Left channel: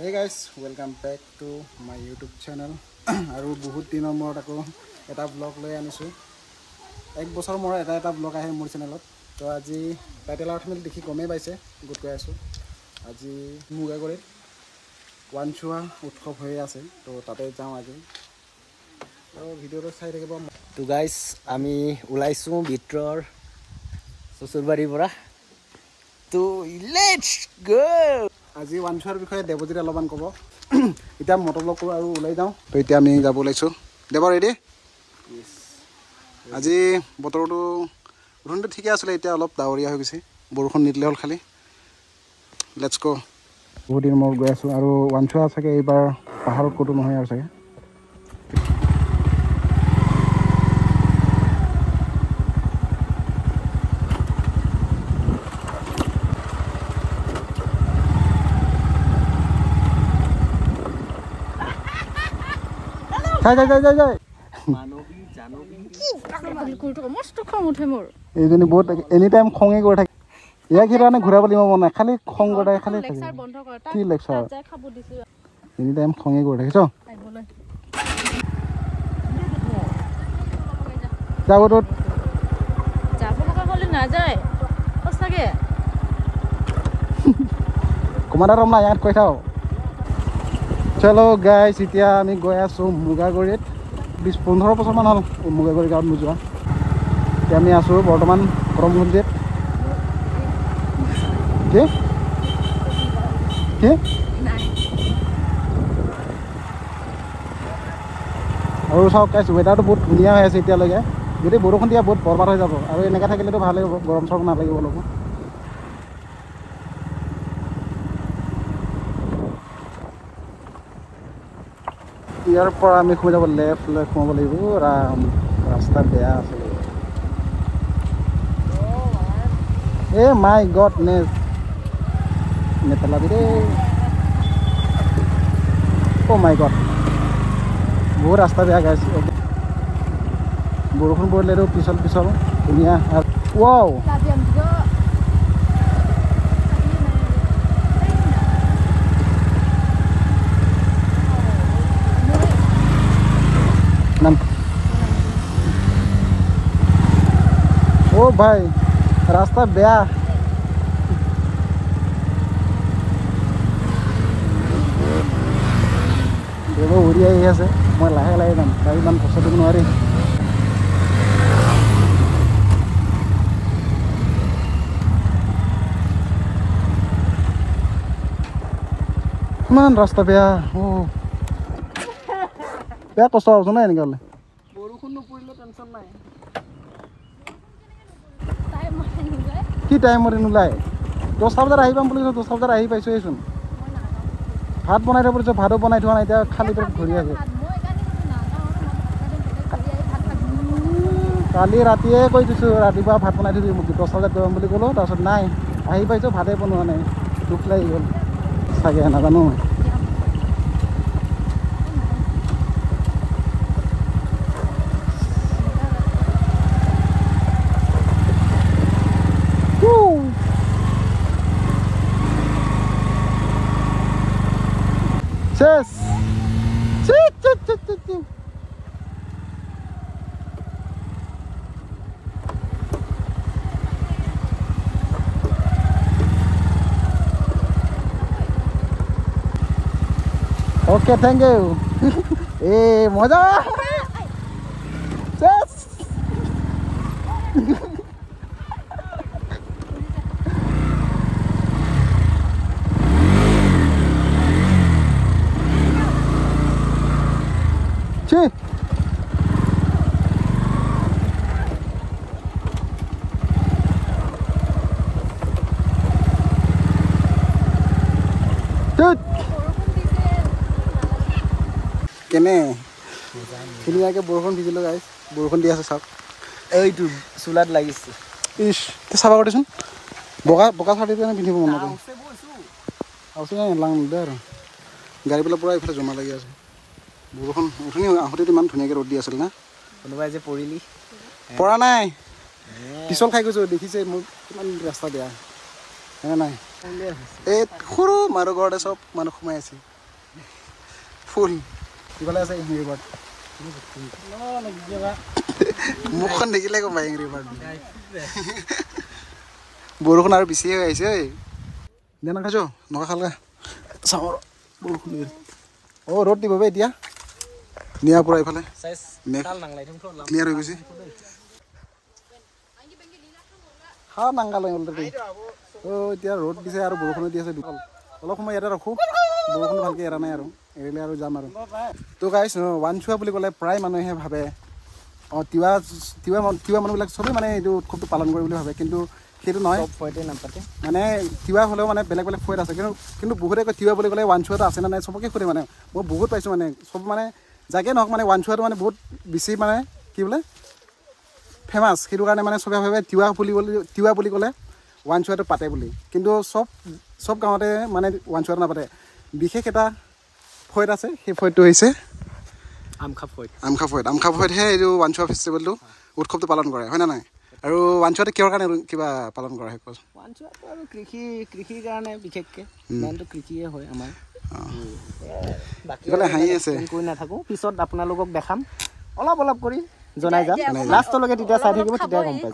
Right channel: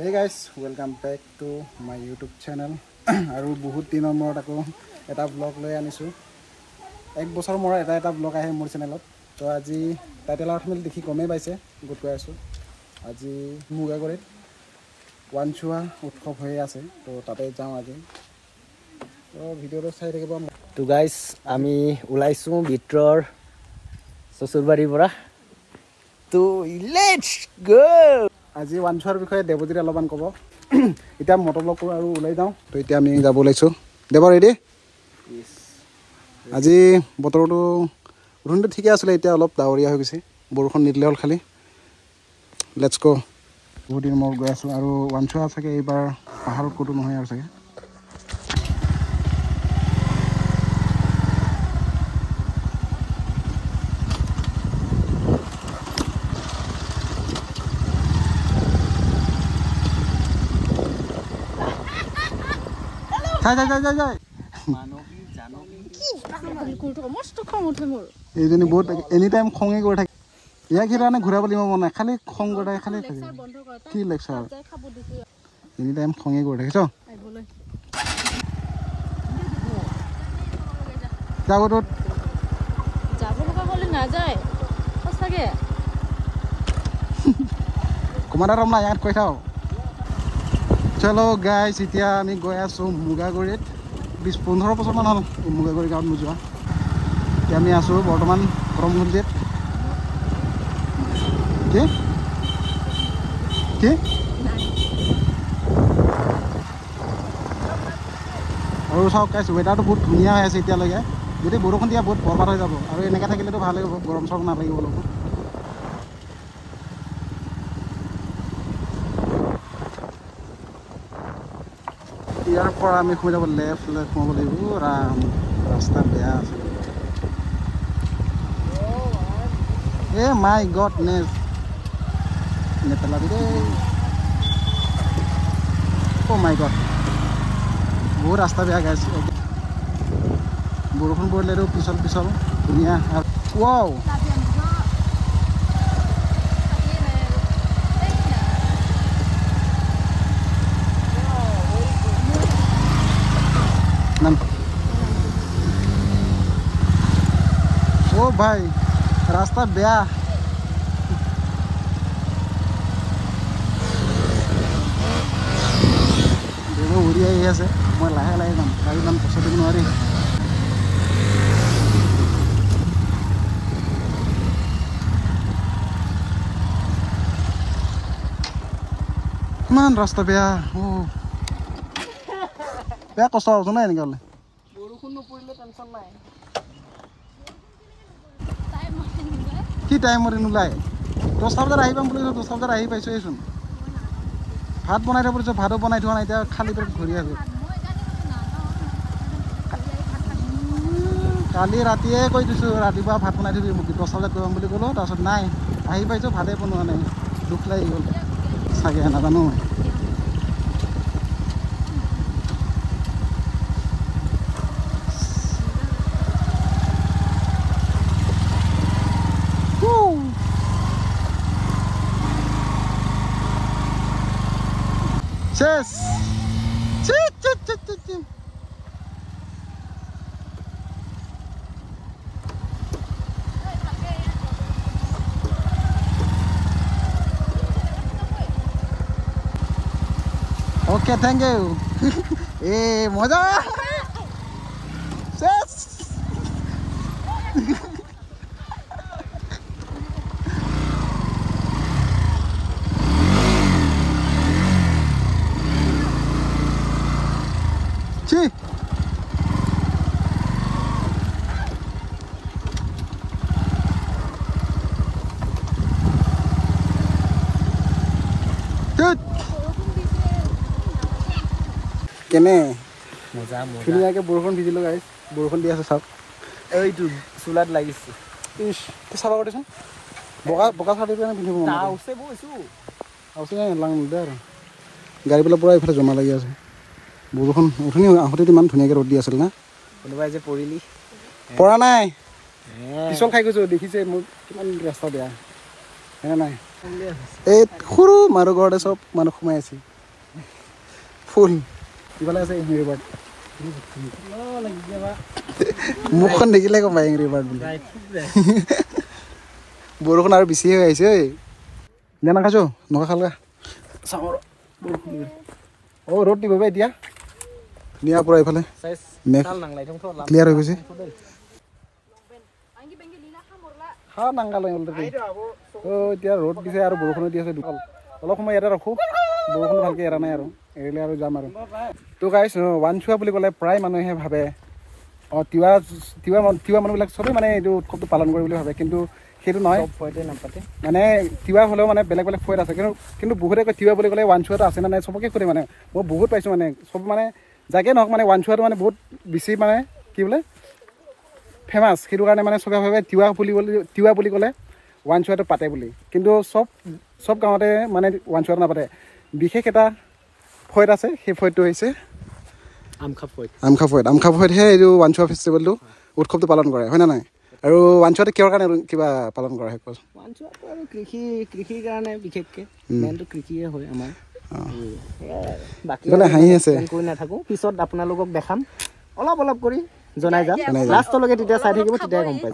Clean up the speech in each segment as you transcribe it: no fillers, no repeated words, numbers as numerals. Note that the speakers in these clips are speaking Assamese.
Hey guys, welcome back to my YouTube channel. আৰু বহুত দিনৰ মূৰত আকৌ এটা ব্লগ লৈ আনিছো। এক বছৰ মূৰত এটা ব্লগ আহে মোৰ চেনেলত। তো আজি টাইটেল আৰু থাম্বনেইল দেখি গমেই পাইছে গুড কৈ আছো। আজি মুগাগড়িত ওৱানচুৱা উৎসৱ হৈ আছে। তো তাতে যাওঁ আজি। তো ভিডিঅ'টো চাই থাকিব। তো গাইস আমি ওলাইছো বিট্ৰৰ সসুৰবাৰীৰ পৰা। তো লেটস গো। আজি ওৱানচুৱাৰ বিষয়ে দেৱজিত অলপমান ক'ব। এতিয়া মটৰব্লগ কৰোঁ আৰু ওলাই যাওঁ। তো এতিয়া আমি যাব ওলাইছোঁ। দেৱ ৰেডি? আজি বতৰটো গধূলিটো ঠিকে আছিলে, এতিয়া অলপ ডাৱৰীয়া হৈ গৈছে। বৰষুণ নিদিলে হ'ল খালি। লেটছ গ'। বহুত দিন মই গৈ আছোঁ আৰু ওৱানচুৱা চাগে এইবাৰ পাহাৰত ক'তো নহয় আৰু চাগে। যাই এইজনী বহুত এনি টাইম খঙে কৰি থাকে। ইয়াক সেইকাৰণে ঘূৰাব দিব মন নাই, খালি খং কৰে, খালি থাকে। কি লেকচাৰ এনি টাইম খঙে কৰি থাকিছ। যাবটোত কমাণ্ডাৰ ৰমনা ইয়াত কৈ থাও। চলো গাইছ, এতিয়া আমি গৈ আছোঁ মুগাগড়িত। 15 বছৰমান হ'ল মুগাগড়ি গাঁৱত নোযোৱা। এতিয়া আমি আছোঁ বৰ্তমান কৰমগঞ্জিত। কি কি আৰু চাওক গাইছ, ৱেডাৰটো বহুত ধুনীয়া হৈ আছে এতিয়ালৈকে। যদি বৰষুণ দিয়া বহুত বৰবাদ হৈ যাব, আৰু এনেকৈ থাকিলেতো ভালেই হ'ব, গৰম চৰম নালাগিব অলপ। ইয়াৰ পৰা আমি সোমাই যাব লেফ্ট সোমাব লাগিব। ৰাস্তা বেয়া আছে। এ মাই গড নেছ নেপেলাবি দেই। অ' মাই গড, বহুত ৰাস্তা বেয়া গাইছে। বৰষুণ পৰিলেতো পিছল ধুনীয়া। ৱাও ও ভাই ৰাস্তা বেয়া। দেৱ উৰি আহি আছে, মই লাহে লাহে যাম, গাড়ী ইমান পইচা দিব নোৱাৰি। ইমান ৰাস্তা বেয়া। বেয়া কষ্ট পাবছো নাই এনেকৈ হ'লে। বৰষুণ নপৰিলে টেনশ্যন নাই। কি টাইমত নোলায়? 10টা বজাত আহি পাম বুলি কৈছোঁ, 10টা বজাত আহি পাইছোঁচোন। ভাত বনাই থৈ পৰিছোঁ, ভাতো বনাই থোৱা নাই, এতিয়া খালী পেটত ঘূৰি আছোঁ। কালি ৰাতিয়ে কৈ দিছোঁ ৰাতিপুৱা ভাত বনাই থবি মোক, 10টা বজাত গৰম বুলি ক'লোঁ। তাৰপিছত নাই, আহি পাইছোঁ ভাতেই বনোৱা নাই। দুখ লাগি গ'ল চাগে, নাজানো। শেষ। Okay, thank U. এ মজা শেষ। কেনে ধুনীয়াকৈ বৰষুণ ভিজিলোঁ গাইছ। বৰষুণ দি আছে চাওক। এইটো চুলাত লাগিছে। ইছ চাফা কৰিছোন। বগা চাৰ্ট পিন্ধিব মন দে আৰু গাড়ীবিলাক পূৰা এইফালে জমা লাগি আছে। বৰষুণ উঠনি আহোঁতেতো ইমান ধুনীয়াকৈ ৰ'দ দি আছিল না। কোনোবাই যে পৰিলি পৰা নাই, পিছল খাই গৈছোঁ। দেখিছে মোৰ কিমান ৰাস্তা বেয়া, হয়নে নাই? এই সৰু মানুহ ঘৰতে চব মানুহ সোমাই আছে। ফুল ইফালে আছে এংৰি বাৰ্ড মুখখন দেখিলে গম পাই এংৰি বাৰ্ড বুলি বৰষুণ আৰু বেছি হৈ আহিছে ঐ দে নাখাইছ নখা খালগা চাওঁ বৰষুণ ৰ'দ দিব বা এতিয়া নিয়াৰ পৰা এইফালে মেঘ ক্লিয়াৰ হৈ গৈছে খা নাংগাল অলৰেডি এতিয়া ৰ'দ দিছে আৰু বৰষুণো দি আছে দুকাল অলপ সময় ইয়াতে ৰাখোঁ বৰষুণ ভালকৈ এৰা নাই আৰু এৰিলে আৰু যাম আৰু তো গাইছ ৱানচুৱা বুলি ক'লে প্ৰায় মানুহে ভাবে তিৱা মানুহবিলাক চবেই মানে এইটো উৎসৱটো পালন কৰে বুলি ভাবে কিন্তু সেইটো নহয় মানে তিৱা হ'লেও মানে বেলেগ বেলেগ ফয়ত আছে কিন্তু বহুতে কয় তিৱা বুলি ক'লে ৱানচুৱাটো আছে নে নাই চবকে সুধে মানে মই বহুত পাইছোঁ মানে চব মানে যাকে নহওক মানে ৱানচুৱাটো মানে বহুত বেছি মানে কি বোলে ফেমাছ সেইটো কাৰণে মানে চবে ভাবে তিৱা বুলি ক'লে ৱানচুৱাটো পাতে বুলি কিন্তু চব গাঁৱতে মানে ৱানচুৱাটো নাপাতে বিশেষ এটা ফয়ত আছে সেই ফয়তটো হৈছে আমখা ফয়তহে এইটো ৱানচুৱা ফেষ্টিভেলটো উৎসৱটো পালন কৰে হয় নে নাই আৰু ৱানচুৱাটো কিহৰ কাৰণে কিবা পালন কৰা হয় ৱানচুৱাটো আৰু কৃষিৰ কাৰণে বিশেষকৈ মেইনটো কৃষিয়ে হয় আমাৰ বাকী হাঁহি আছে কৰি নাথাকোঁ পিছত আপোনালোকক দেখাম অলপ কৰি জনাই যাম লাষ্টলৈকে তেতিয়া চাই থাকিব তেতিয়া গম পাই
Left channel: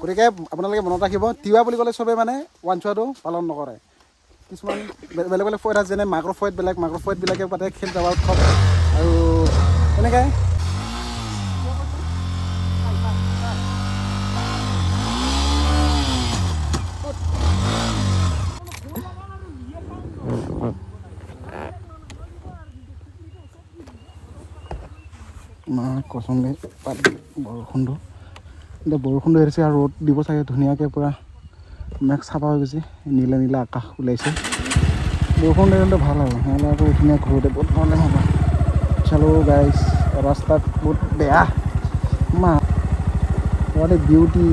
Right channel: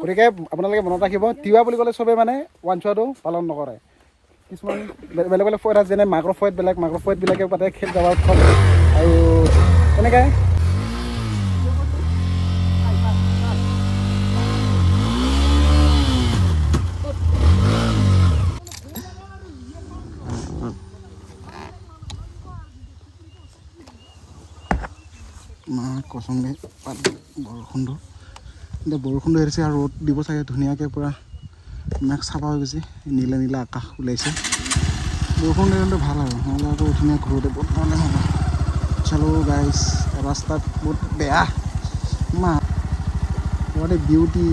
গতিকে আপোনালোকে মনত ৰাখিব তিৱা বুলি ক'লে চবে মানে ৱানচুৱাটো পালন নকৰে কিছুমান বেলেগ বেলেগ ফয়ত আছে যেনে মাঘৰ ফয়তবিলাকে পাতে খেল যাবা উৎসৱ আৰু এনেকৈ কচম পাত বৰষুণটো এতিয়া বৰষুণটো এৰিছে আৰু ৰ'দ দিব চাগে ধুনীয়াকৈ পূৰা মেঘ চাফা হৈ গৈছে নীলা আকাশ ওলাইছে বৰষুণ দিলে ভাল আৰু নহ'লে আকৌ ধুনীয়া ঘৰতে বহুত প্ৰব্লেম হ'ব চালো গাইছ ৰাস্তাত বহুত বেয়া what a beauty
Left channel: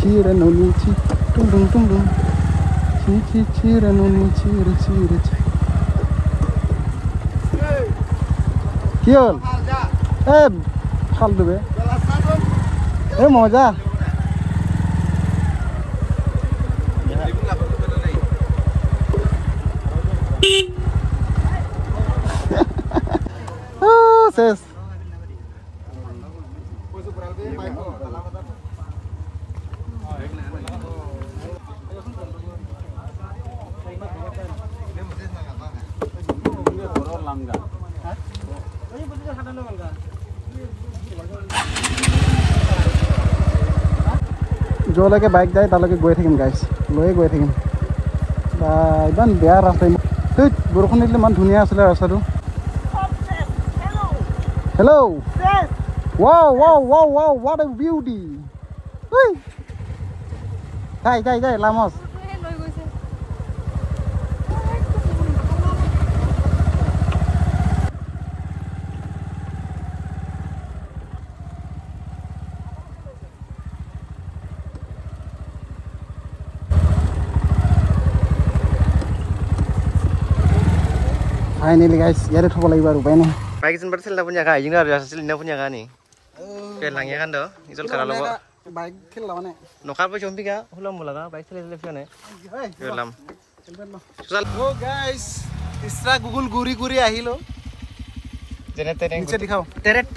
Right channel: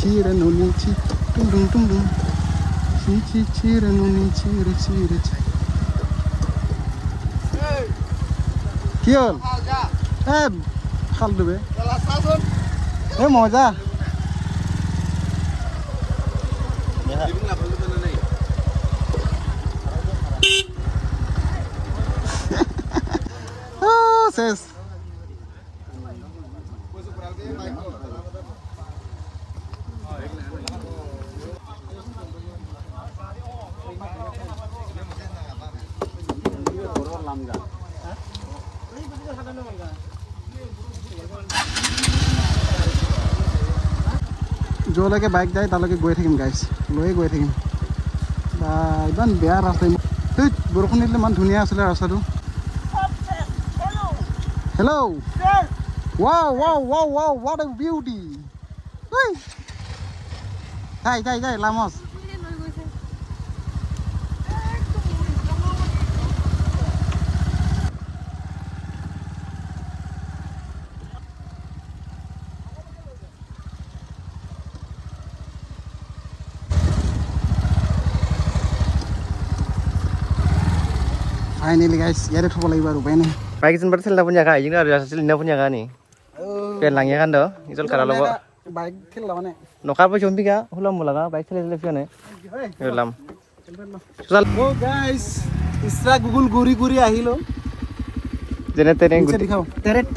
chi renoni chi tung dung chi renoni chi কি হল এ ফাল দেবে এ মজা শেষ য'লৈকে বাইক যায় তালৈকে গৈ থাকিম গাইছ লৈয়ে গৈ থাকিম বা ইমান বেয়া ৰাস্তা সেই বৰষুণ দিলে ইমান ধুনীয়া আছিলে ৰাস্তাটো hello' wow what a beauty যাই লামচ Finally guys, ya udah lagi baru ini. Baik izin berarti punya kak, izin ada hasil ini punya kak nih. Pian langnya kan doh, izin kalau lo. Baik kill lawan nih. Nokap apa jombi kak? Ulam mula kak, baik kill seleksi nih. Ulam. Oh guys, isra Google guri ahilo. Jadi tereng. Tereng.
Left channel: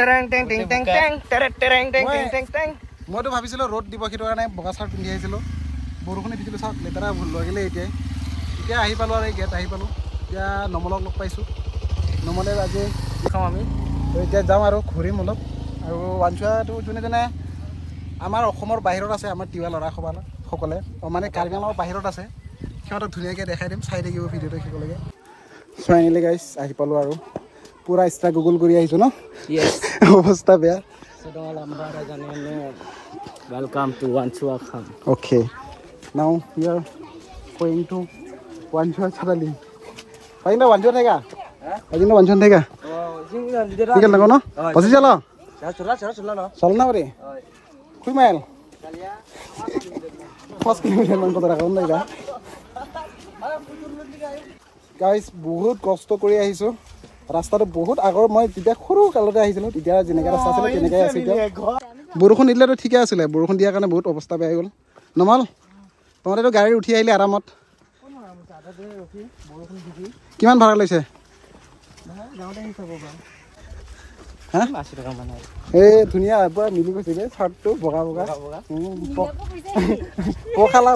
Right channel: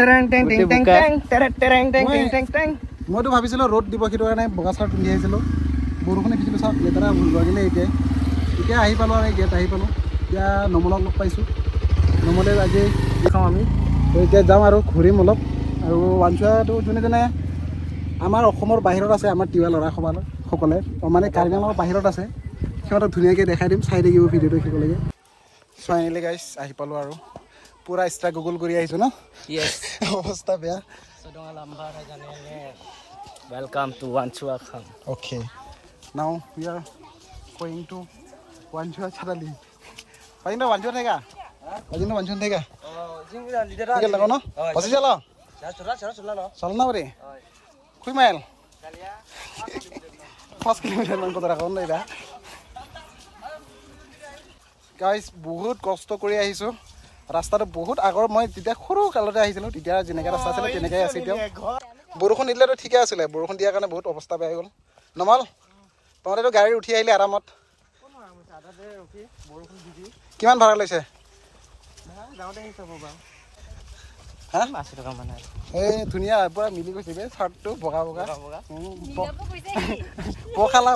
Mau tuh habis lo road di bawah kita kan bekas road dia sih lo. Burukan itu bisa letara bulgar gile itu. Itu ahi palu ada gitu ahi palu. Ya nomolog log paisu. Nomole aja খাওঁ আমি তো এতিয়া যাম আৰু ঘূৰিম অলপ আৰু ৱানচুৱাটো যোনে আমাৰ অসমৰ বাহিৰত আছে আমাৰ তিৱা ল'ৰাসকলে মানে কাৰ্বি আংলঙৰ বাহিৰত আছে সিহঁতক ধুনীয়াকৈ দেখাই দিম চাই থাকিব ভিডিঅ'টো শেষলৈকে ফাইনেলি গাইছ আহি পালোঁ আৰু পুৰা ষ্ট্ৰাগল কৰি আহিছোঁ ন অৱস্থা বেয়া Welcome to Wanchua Kham. Okay, now we are going to Wanchua Charali. Paling dah Wanchua thega? Paling dah Wanchua thega? Tinggal nak kono? Pasti jalan? Jalan apa ni? Kui mile? 5 kilometer man kota rakam thega. Guys, বহুত কষ্ট কৰি আহিছো ৰাস্তাটো বহুত আগৰ মই তেতিয়া সৰু কালতে আহিছিলো তেতিয়া যেনেকৈ ৰাস্তা আছিল তেনেকৈ আছে এতিয়া বৰষুণ দিলেতো ঠিকে আছিলে বৰষুণ দিয়াৰ কাৰণে বহুত অৱস্থা বেয়া হৈ গ'ল নমাল তোমালোকেতো গাড়ী উঠি আহিলে আৰামত কিমান ভাড়া লৈছে এই ধুনীয়া পুৰা মিলি গৈছিলে চাৰ্টটো বগা বগা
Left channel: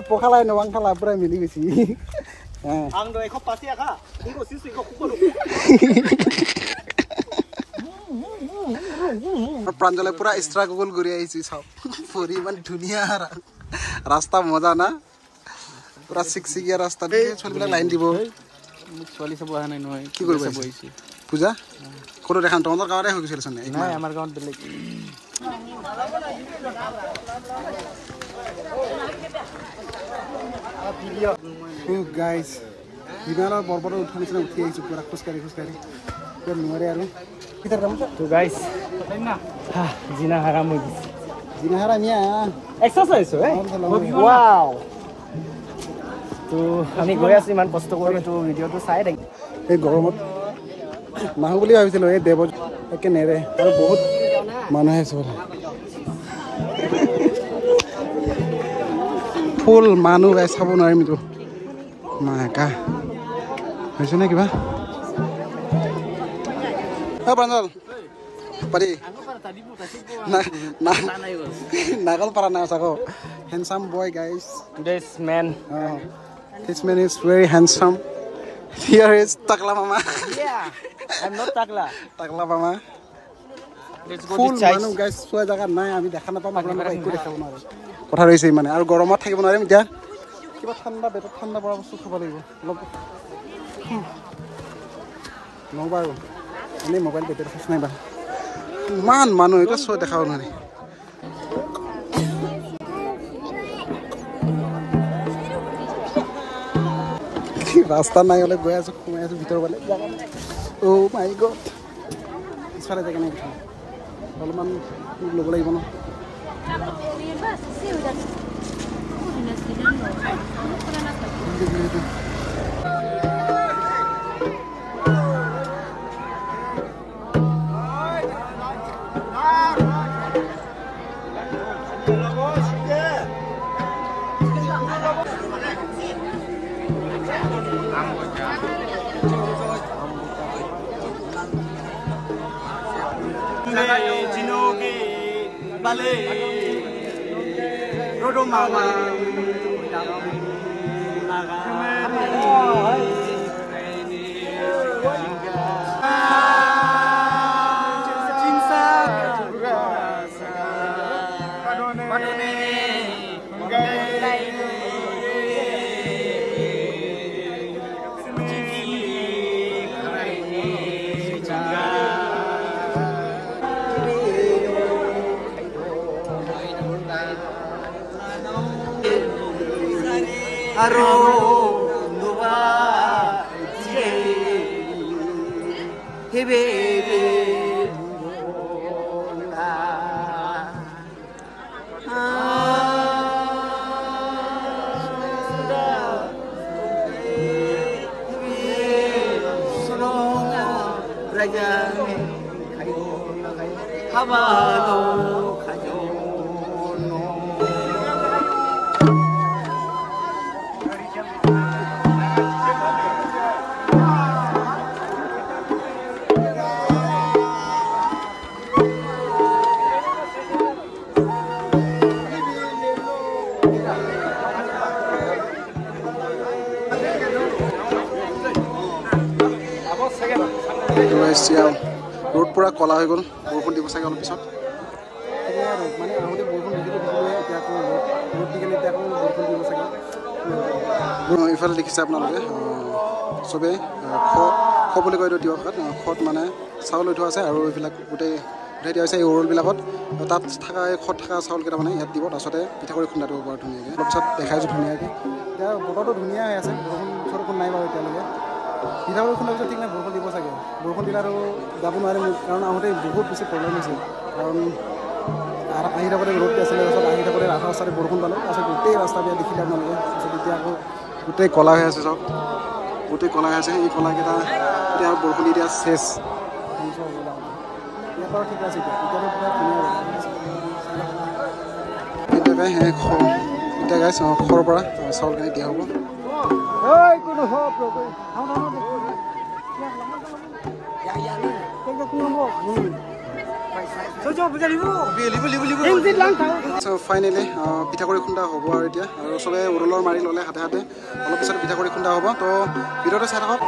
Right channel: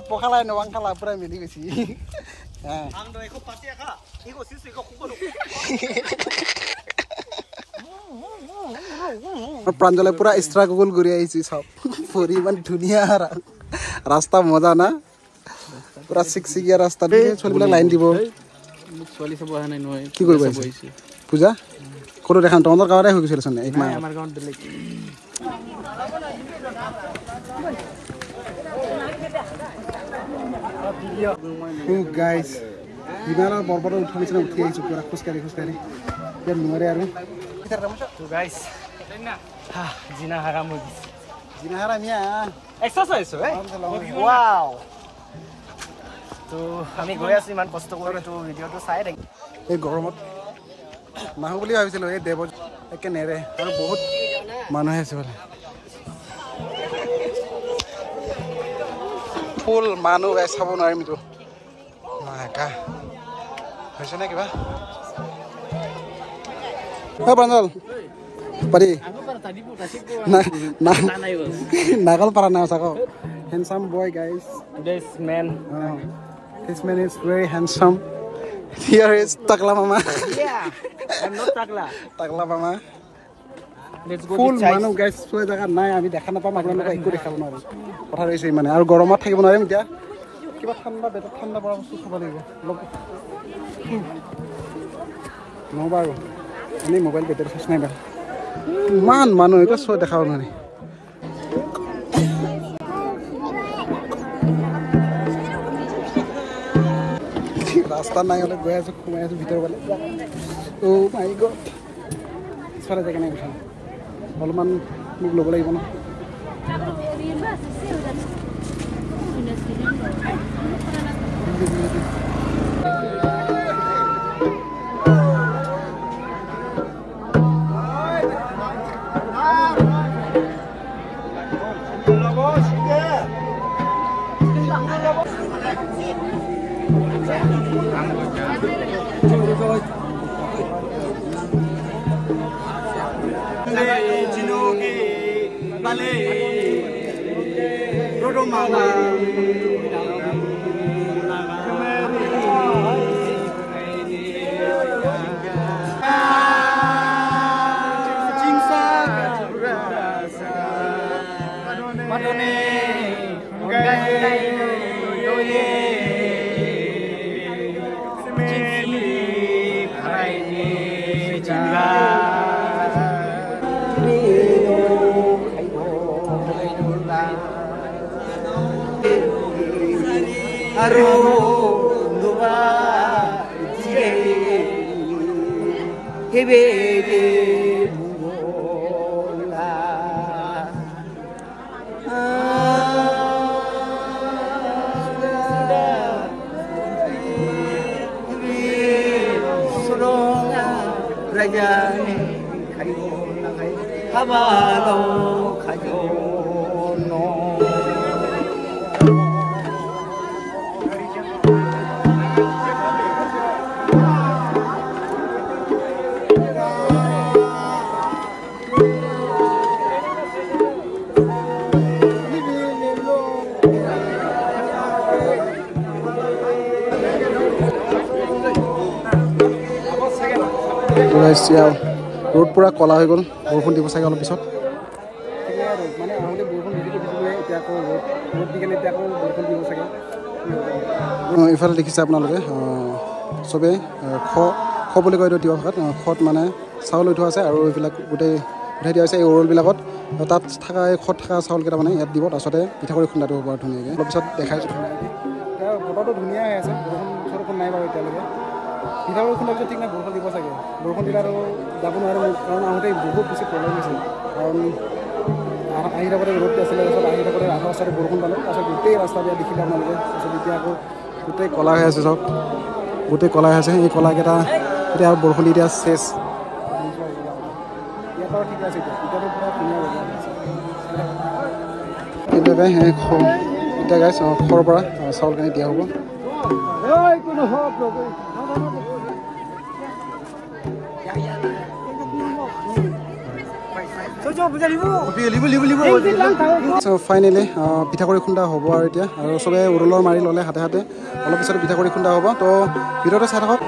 পখালাই নবাং খালা পুৰা মিলি গৈছে প্ৰাঞ্জলে পুৰা ষ্ট্ৰাগল কৰি আহিছে চব ফুৰি ইমান ধুনীয়া ৰাস্তা মজা না পুৰা চিকচিকীয়া ৰাস্তা দেই ছোৱালীবিলাক লাইন দিব ছোৱালী চাব অহা নাই নহয় কি কৰিব আহিছে পূজা ক'তো দেখা তহঁতৰ গাঁৱতে হৈ গৈছিল চোন আমাৰ গাঁৱত বেলেগ গাইজ হিমালয়ৰ পৰ্বতৰ উঠাৰ নিচিনা উঠি আহিছোঁ পুৰা খোজকাঢ়ি এতিয়া নোৱাৰে আৰু তো গাইজ জিনা হাৰাম হৈ গৈছে জিনাহাৰা মিয়া এক্সাৰচাইজ হয় ৱাও তো আমি গৈ আছোঁ ইমান কষ্ট কৰি তো ভিডিঅ'টো চাই থাকি এই গৰমত নাহো বুলি ভাবিছিলোঁ এই দেৱত একে নেৰে আৰু বহুত মানুহে আছে বোলে ফুল মানুহ চাব নোৱাৰিম এইটো নাকা হৈছে নে কিবা প্ৰাঞ্জল পাৰি নাগল পাৰা নাই চাক handsome boy guys this man This man is very handsome. Here is Takla Mama. Yeah, I'm not Takla. Takla Mama. Let's go Full to Chais. মানুহ গাইজ চোৱা জেগা নাই আমি দেখা নাপাম আপোনালোকক একো দেখাব নোৱাৰো কথা হৈছে মানে আৰু গৰমত থাকিব নোৱাৰিম এতিয়া কিবা ঠাণ্ডা পেটত ঠাণ্ডা পৰা বস্তু খাব লাগিব অলপ নহ'ব আৰু এনেই মোবাইল বেটেৰী চাৰ্জ নাই বাৰু ইমান মানুহ এতিয়া চোৱা দেখাব নোৱাৰি ৰাস্তা নাই হ'লে গৈ আছোঁ সোমাই আছোঁ ভিতৰ ফালে অ' মাই গড পিছফালে জেগা নাই উঠাম অলপমান মোক ল'ব লাগিব ন रोड पूरा कला हो गल बरषुण दी चाहे अलग पिछत माने आहते बरषुण भिजिले रोड दी केने बरषुण दी चाहे इफाले देखिसे आपनालोके सबे ख বুলি কয় দিও ভাষাত খত মানে চাউল উঠোৱা আছে আৰু এইবিলাক গোটেই উঠাই দিয়া হৈছে এই ওৰল বিলাকত তাত থাকা খত থাকা চাউল কেইটা মানে ইয়াত দিব তাৰছতে পিঠা কৰি খুন্দাটো বৰ ধুনীয়াকৈ অলপ পিছত দেখাইছো ধুনীয়াকৈ এতিয়া বতৰটো ধুনীয়া হৈ আছে বৰষুণ নাই বাৰু এতিয়ালৈকে পিঠা কৰি খুন্দাৰ পিছত ঠিক নাই বৰষুণ দিব চাগে বৰষুণ দিলে আৰু যাব নোৱাৰিম কাৰণ আহোঁতে বহুত বেছি প্ৰব্লেম হৈছে কাৰণ আহি থাকোঁতে ৰ'দ আছিলে তাৰপিছত আহি থাকোঁতে ৰাস্তা ৰাস্তাতে বৰষুণ পালোঁ তাৰপিছত গোটেই ৰাস্তা দিয়া দেখিলে আপোনালোকে তাৰপিছত এতিয়া আকৌ গোটেই কলা হৈ আছে চব গোটেই কলা হৈ আছে এই কলাকেইটা এতিয়া আৰু বৰষুণ দি এতিয়া চেচ ইয়াৰ পৰা ঠিকে আছে এতিয়াতো পুৰা ধুনীয়া জেগা আছে এতিয়া গাইছ সৰৰ পৰা চাউলখিনি দিয়া হ'ব ফাইনেলি পিঠাগুড়ি খুন্দা হ'ব আৰু এতিয়া আৰু চবে উৰুলৰ মাৰি ল'লে হাতে হাতে অলপ পিছত পিঠাগুড়ি খুন্দা হ'ব তো ভিডিঅ'টো চাই থাকক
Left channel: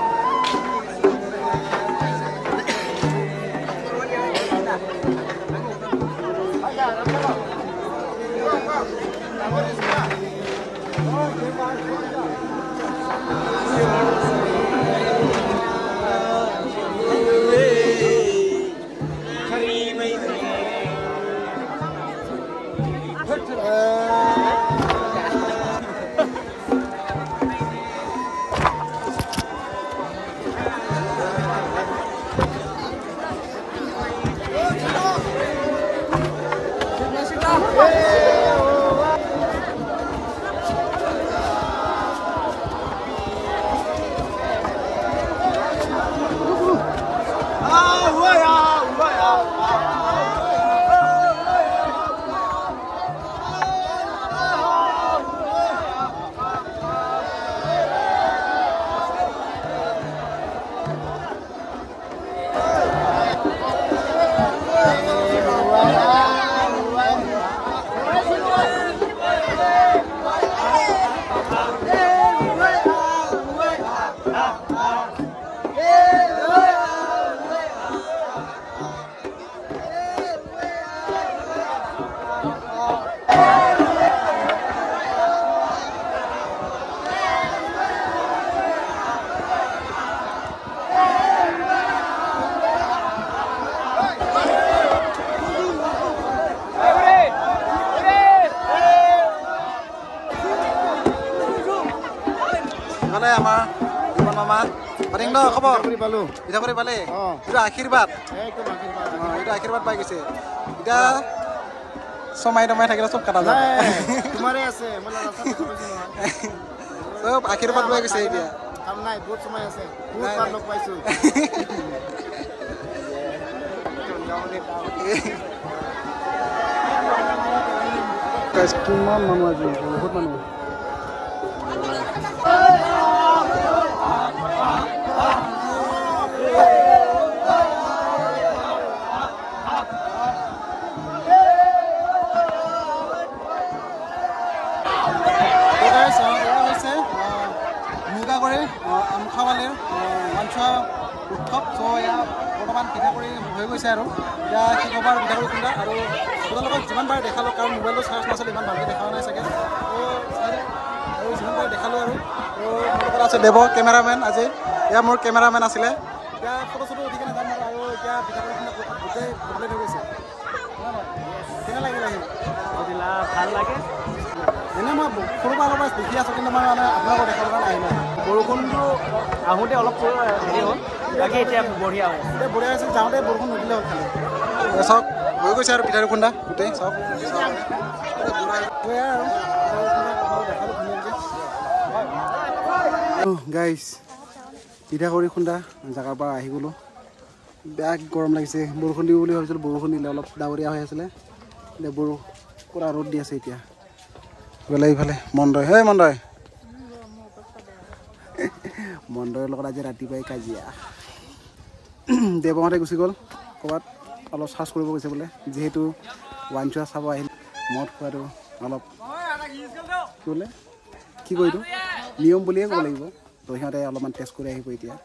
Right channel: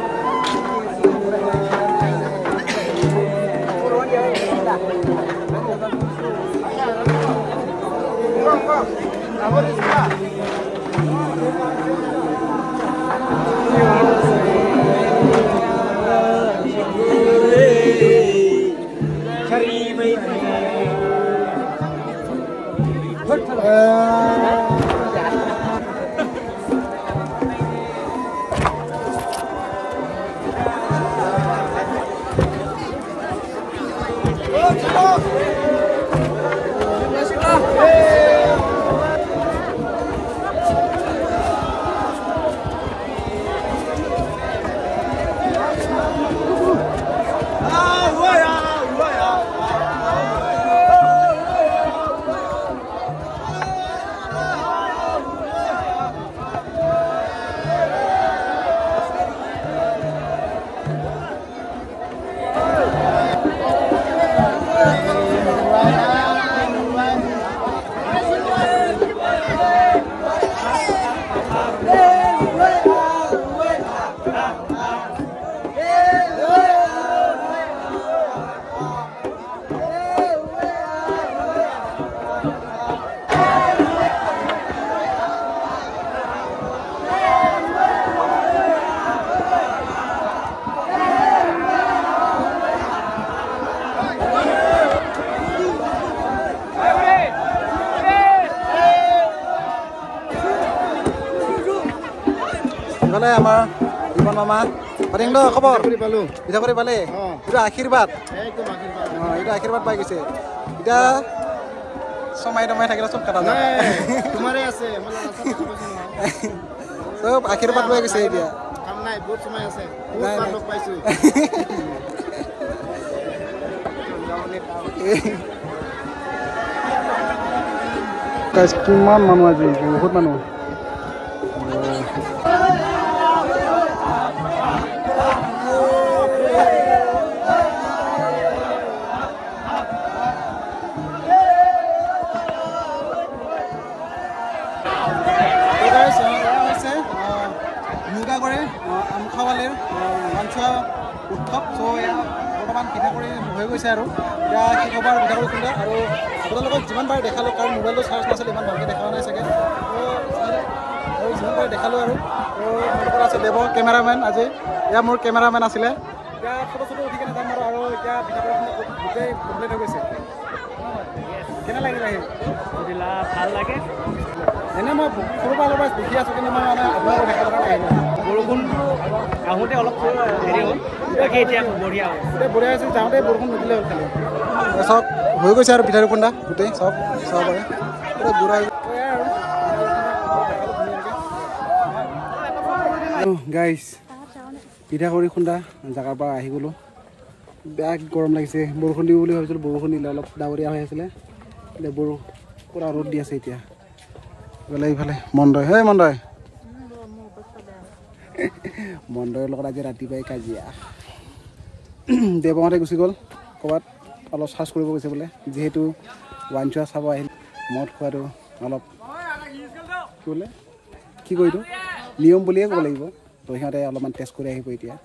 ইফালে আমাৰ জীৱন মামা পাতিং দ খবৰ পিঠাগুড়ি পালে এইটো আশীৰ্বাদ এইটো আশীৰ্বাদ পাই গৈছে এতিয়া চমাই টমাই থাকিলে চব কাটা যায় আশীৰ্বাদ পাই গৈছে এতিয়া কিমান মানুহ আজি বহুত মানুহ আমখাৱালিৰ মঞ্চোৱা উৎসৱ চ' বৰ্তমান পিঠাগুড়ি হৈ গৈছে আৰু এতিয়া কি ক'ব আৰু পিঠাগুড়ি খুন্দা আৰু আপোনালোকক যিমান পাৰে দেখালোঁ কাৰণ মোবাইলটো চাৰ্জ নাছিলে ইমান ভালকৈ দেখা নাই চাগে আৰু যিমান পাৰে দেখালোঁ আৰু মোৰ লগত আছে দেৱ কেমেৰামেন আজি এয়া মোৰ কেমেৰামেন আছিলে এতিয়া ফটো চটো উঠি কিনে যাম আৰু এতিয়া পিঠাগুড়ি খুন্দা গোটেই কমপ্লিট হৈ গৈছে কেনে লাগিলে সেই ভাল লাগে এনেই মই সৰুৰ পৰা অলপ দেখি আছোঁ কিন্তু মই মানে আপোনালোকক দেখাবৰ কাৰণে আহিলোঁ বৰষুণটো আহোঁতে অলপ হেৰি হ'ল এতিয়া বঢ়িয়া হ'ল এতিয়া বঢ়িয়া হৈছে যাওঁতে বৰষুণ নুদিলে হ'ল খালি চব হৈ গৈছে আৰু পিঠাগুড়ি খুন্দা গোটেই চব চাব পাৰে পুৰা গুড়া আৰু দেখালোঁ ধুনীয়াকৈ গাইছ পিঠাগুড়ি খুন্দা জেগাৰ পৰা আহি গ'লোঁ বেয়া গৰম লাগিছে বৰষুণ দিব বুলি ভাবিছিলোঁ বৰষুণ দিলে অলপ ডাৱৰীয়া হৈ আছিলে এতিয়া পুৰা ৰ'দ দি আছে এতিয়া গ'লে ইফালে মন্দয় হে মন্দয় মন্দয়ৰ লগত আজি ৰাতিপুৱাই কাজিয়া দেৱহঁতে গুচি গ'ল ক'ৰবাত অলপ চাৰ্জ কৰিব গৈছে বোলে যিহেতু ৱাইন চোৱা চাব আহিল মদ খোৱাটো অলপ কি বোলে কি কয় এইটো নিয়ম বুলিয়ে ক'ব লাগিব তো সিহঁতে অলপমান টেষ্ট কৰি আহিব এতিয়া